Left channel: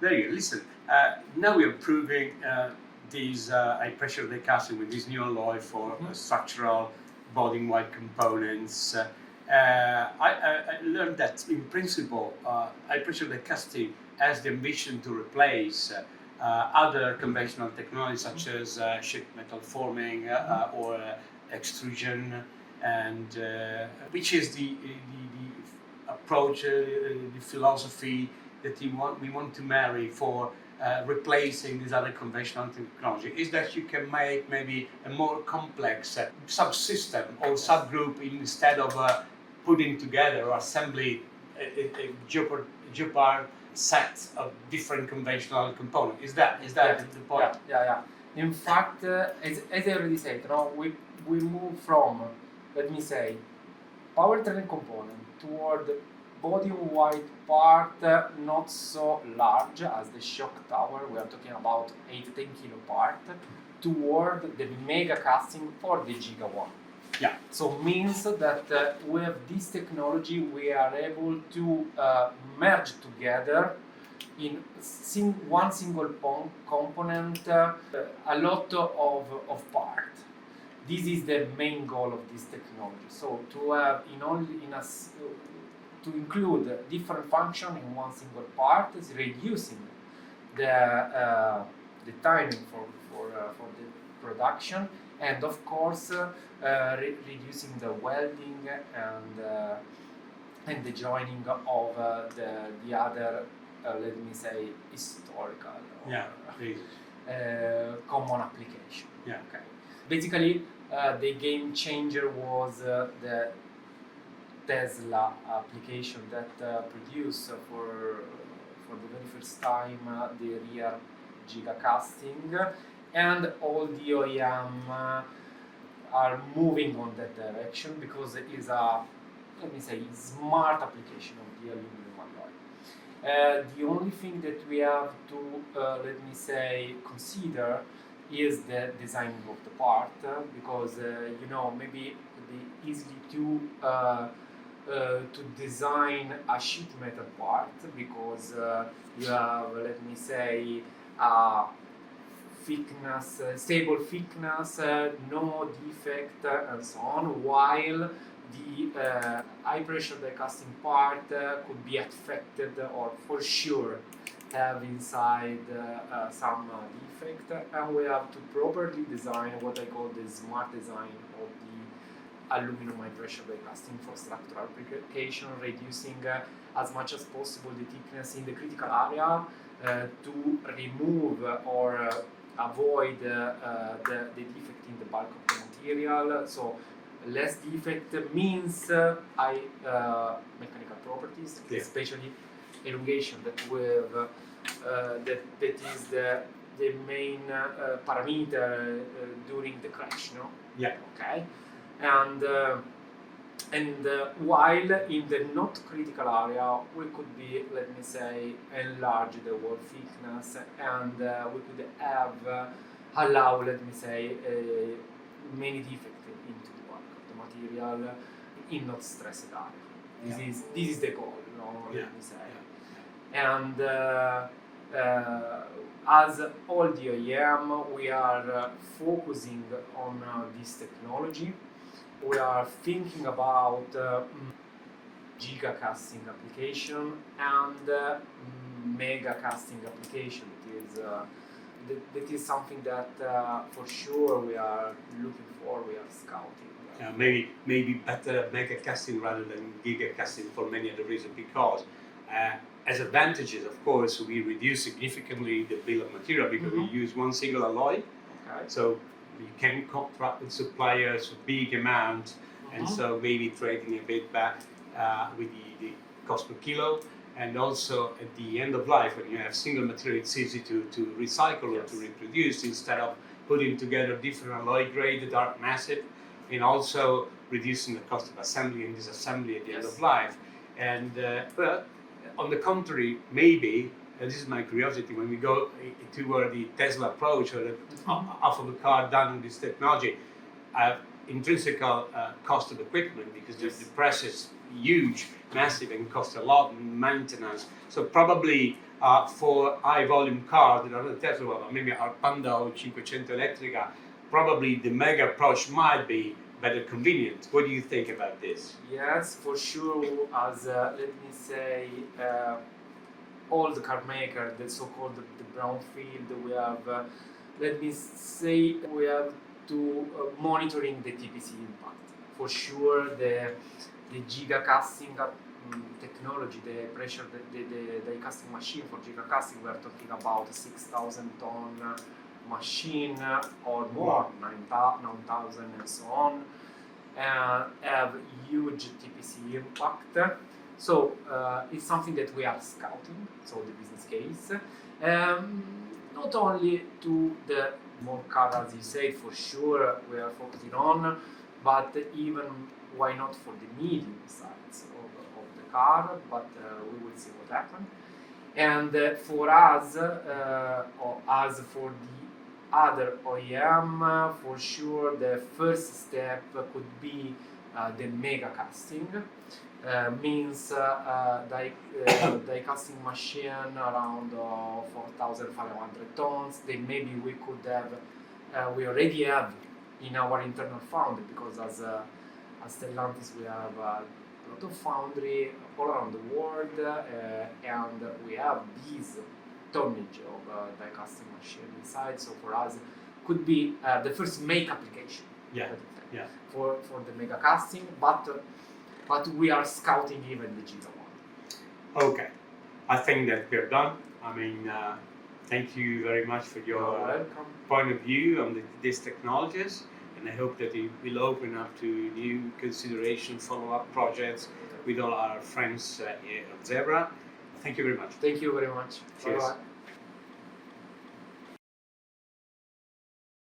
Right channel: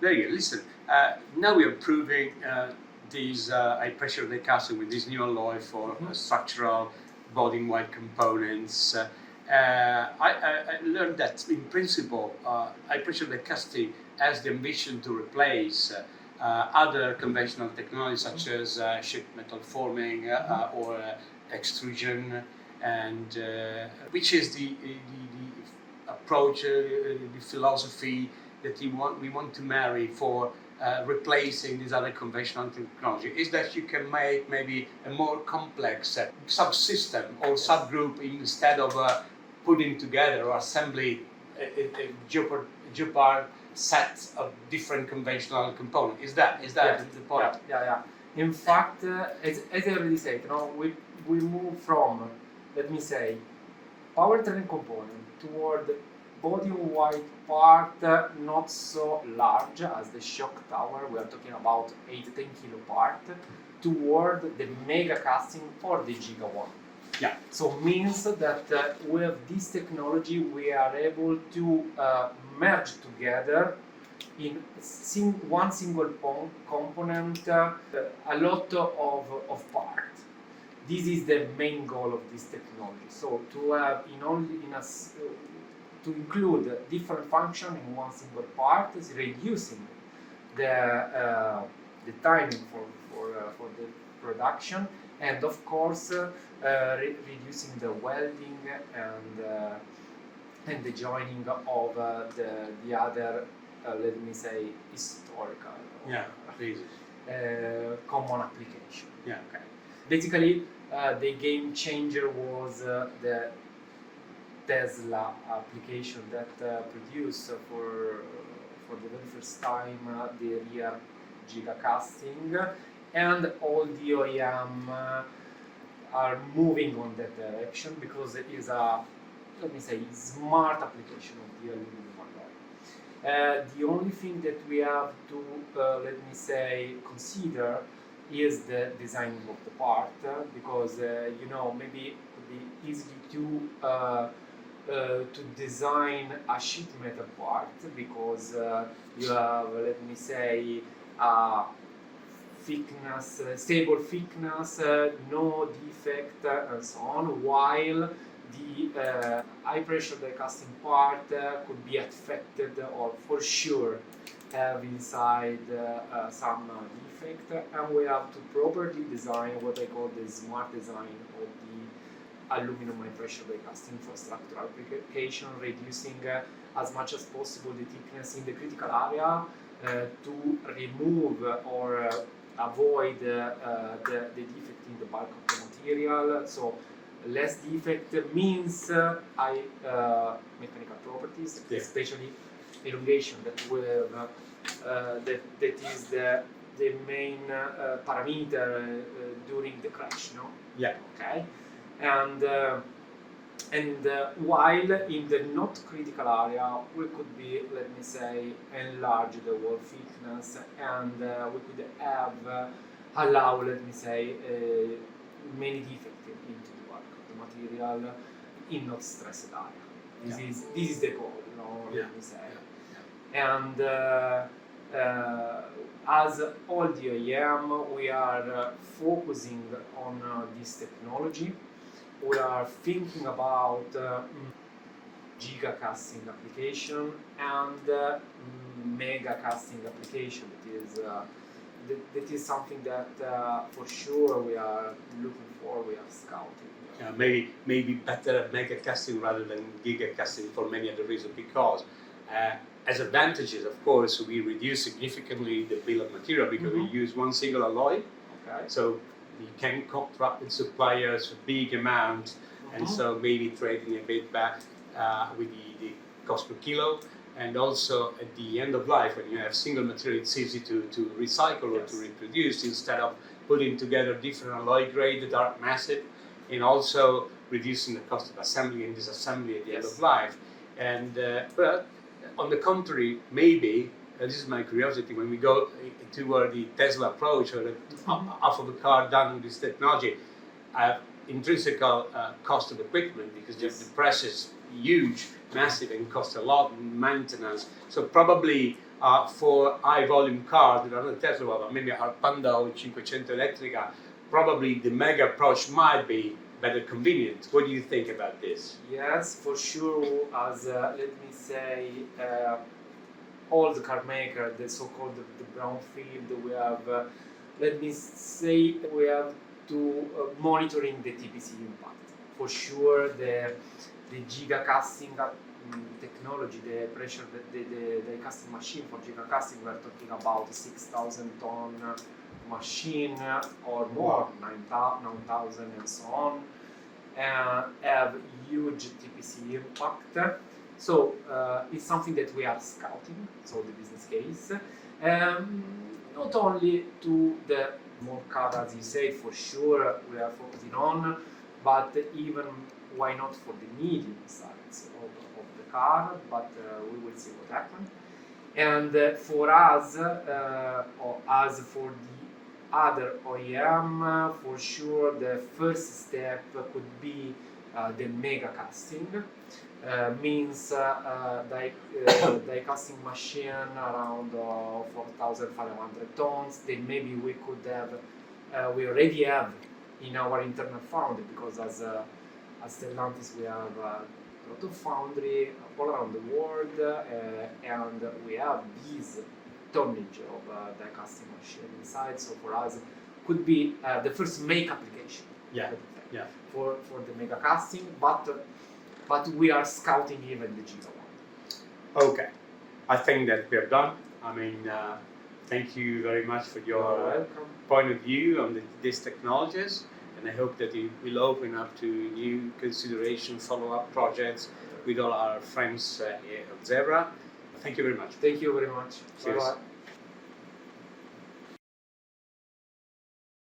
Very good. Listen, now we are proving these high pressure die casting with this new alloy for structural body white components. I learned that in principle, high pressure die casting has the ambition to replace other conventional technologies such as sheet metal forming or extrusion, and which is the approach, the philosophy that we want to marry for replacing this other conventional technology, is that you can make maybe a more complex subsystem or subgroup instead of putting together or assembly a geopard set of different conventional components. Is that the point? Yeah. In fact, as I already said, we move from, let me say, powertrain component toward body-in-white part, not so large as the shock tower. We are talking about 8-10 kilo part, toward the mega casting or the giga one. Yeah. So means that with this technology we are able to merge together in one single component a lot of part. This is the main goal of this technology. So to have to include different functions in one single part is reducing the timing for the production, and of course reducing the welding and the joining of the other let me say historical common application. Yeah. Okay. Basically, the game changer was the Tesla application that produced for the very first time the rear giga casting, and all the OEM are moving on that direction because it is a, let me say, smart application of the aluminum alloy. The only thing that we have to, let me say, consider is the designing of the part, because maybe it could be easy to design a sheet metal part because you have, let me say, thickness, stable thickness, no defect, and so on, while the high pressure die casting part could be affected or for sure have inside some defect, and we have to properly design what I call the smart design of the aluminum high pressure die casting for structural application, reducing as much as possible the thickness in the critical area to remove or avoid the defect in the bulk of the material. So less defect means high mechanical properties, especially elongation, that is the main parameter during the crash, no? Yeah. Okay. And while in the not critical area we could be, let me say, enlarge the wall thickness, and we could have allow, let me say, many defects into the bulk of the material in not stressed area. This is the goal, let me say. And as all the OEM, we are focusing on this technology. We are thinking about giga casting application and mega casting application. That is something that for sure we are looking for, we are scouting. Maybe better mega casting rather than giga casting for many other reasons, because as advantages, of course, we reduce significantly the bill of material because we use one single alloy. Okay. So you can contract with suppliers for big amount, and so maybe trading a bit back with the cost per kilo. And also at the end of life, when you have single material, it's easy to recycle or to reproduce instead of putting together different alloy grades that are massive, and also reducing the cost of assembly and disassembly at the end of life. And but on the contrary, maybe, this is my curiosity, when we go toward the Tesla approach or the half of the car done with this technology, intrinsic cost of equipment, because the press is huge, massive and cost a lot in maintenance. So probably for high volume cars that are not Tesla, well, maybe our Panda or 500 electrica, probably the mega approach might be better convenient. What do you think about this? Yes, for sure. As let me say, all the car maker, the so-called the brownfield, we have. Let me say, we have to monitoring the TPC impact. For sure, the giga casting technology, the pressure, the casting machine for giga casting, we're talking about 6,000 ton machine or more, 9,000 and so on, have huge TPC impact. So it's something that we are scouting, so the business case. Not only to the more car, as you say, for sure we are focusing on, but even why not for the medium size of the car, but we will see what happens. And for us, or as for the other OEM, for sure the first step could be the mega casting. Means die casting machine around 4,500 tons. Then maybe we could have, we already have in our internal foundry, because as Stellantis we have a lot of foundry all around the world, and we have this tonnage of die casting machine inside. So for us, could be the first make application. Yeah. For the mega casting, but we are scouting even the giga one. Okay, I think that we are done. I mean, thank you very much for your point of view on these technologies, and I hope that it will open up to new consideration, follow-up projects with all our friends here at ZEvRA. Thank you very much. Thank you very much. Cheers. Bye-bye.